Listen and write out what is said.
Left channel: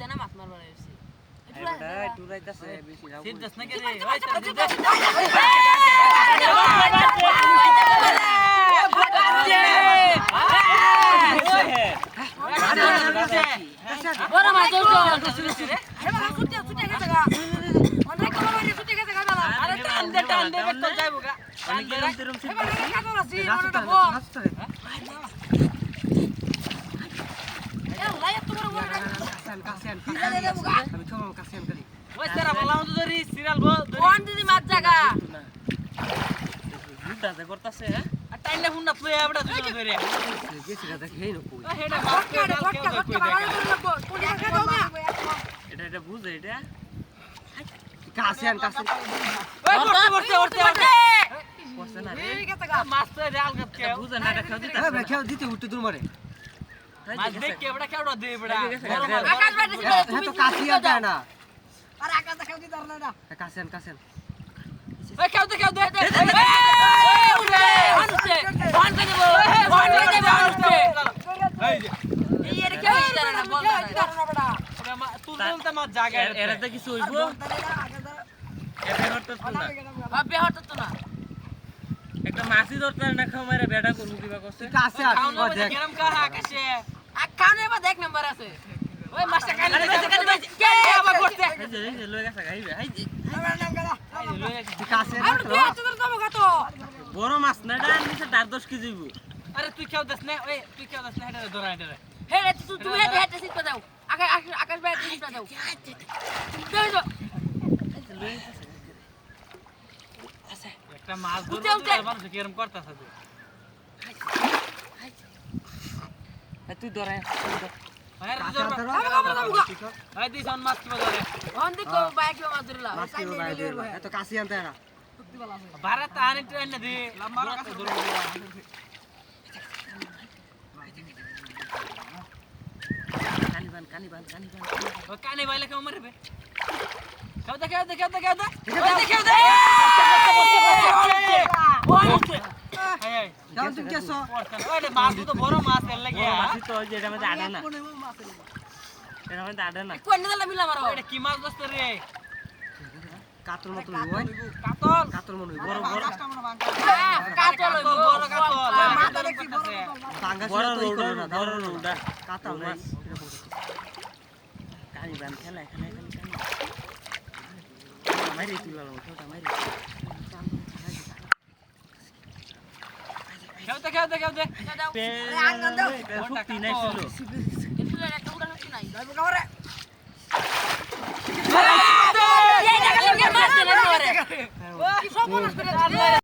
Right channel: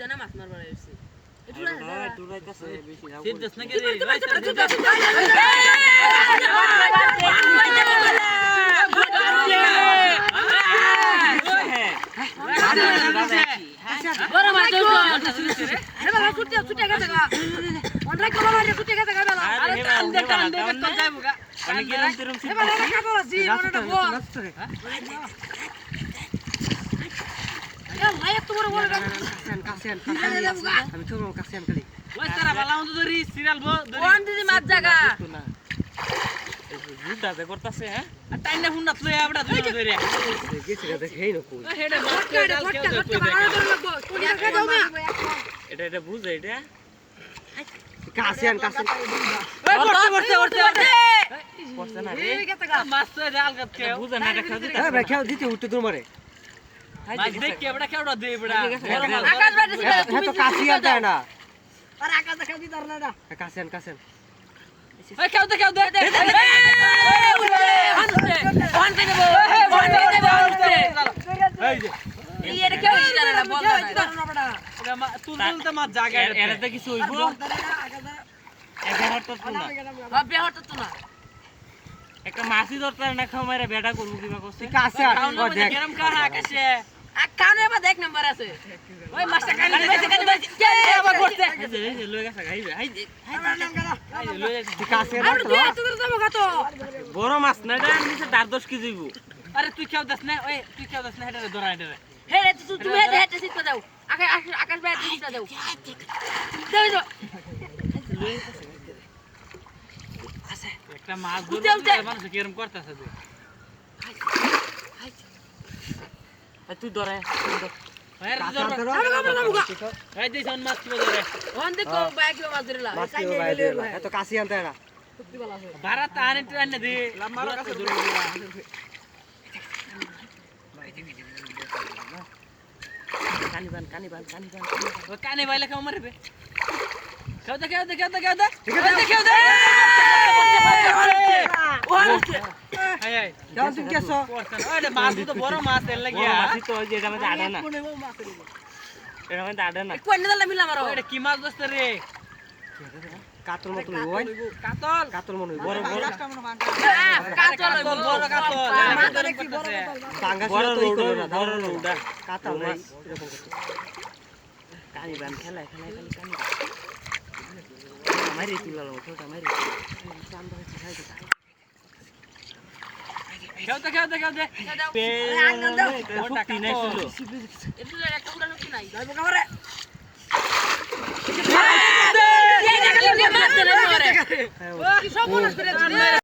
জানা মাছ মারবার আইছি একটু রাইতাছে বেশি না সিন দছ না কে বড় মাছ হেলা ছুটে ছুটে গেছে গা অনেক কলা মারে ছুটে গেছে গা বেলা আরে টান দে বেত যাইবো গা আমি গেলাম তেরম সিন হেলা কাটো রাসি অনেকটা বো ভাই তোমার বড় কাছেন আমি ছোট কাছেন করি ওই তারা ভালো মতো ধরি সিরিয়াল বো কোন দিদি মাছ জায়গা না বুড়া যা করতেছে হ্যাঁ আর টাইনা ফোন না তুই এবড়া তুই ধরে গেছে রে দেখেই নকু হেডা বাস ফটকা ফটকা বানানো লাগবো কোন জায়গা দাও না এটা বুঝে এটা কাছেন পড়ছে না রে এই গেছে গা মাছ তো জাল কাট কে বুঝে না এটা খাও দিতে ভাই খাও দিতে উঠতে দূর মারে মাছ দেখ কে এবড়া কেওড়া দে এবড়া আকাশ বাইরে ছিল তুমি তো কাছিয়া দেয় না আরে আকাশ দেখা দি দাঁড়া না কাছেন ওই কেউ দে ফোন পে দেবো এই যে এই এর কেউ জানে না বল না তুলতে মাছ জায়গা এরাতে কিছু হইব এটা হরত না বাপে হতো তো না একটা মাছি ধরতে না খাও মারে বেটা করু দিবা কষ্ট কাছে আসো দেখ গরম কর আকাশে কানে বা দেখ নাম্বার আছে ওই মাছটা কানে কে আবার করতে এই লয়ে গেছে গাইবে আই আই লয়ে কাছে না আর তুই তো খাতো বড় মাছ না এটা নিচে 10 কেজি গো আরে তুই কেউ দাস না ওই তুই কেউ দাস না হেডা ধরা হেডা হে রে তুমি হেটে সিট দাও আকাশ ভাই সিট দাও দাও একটা মাছ ধরে মানুষ কিরম করতেছে যে তুই ধরে ভাই দিস অন মাছ কি ধরে ওন দেখো বাইক মাছ ধরলা এত কাছি আনতে না ভারত আনে ট্রেন না দে লম্বা কাছে ধরে কানিবান ও কানে বাইলে কেমন মারবে কেউ দে তুমি কেছো ওরে মাছ তো বড় মাছ এর লাগিয়া মাছি তো ওই যে এটা মধ্যে আড়ে না এটা মধ্যে আড়ে না কোন দিলা মিলা মারো এটা কি মাছ দোস্ত রে কাতল মতো ওই কাতল মনে বড় কাতল বড় কাতল মাথা দেখি বড় টাঙ্গা ছিল তো ই করে না ধরো উড়া কাতল না কানিবান খেলা খালি মারি তুলা ওটা মারি কেউ দে পে ওটা নাই ছিল একটু টুকরা নাই যাইবো কামারে কি সব মনে করে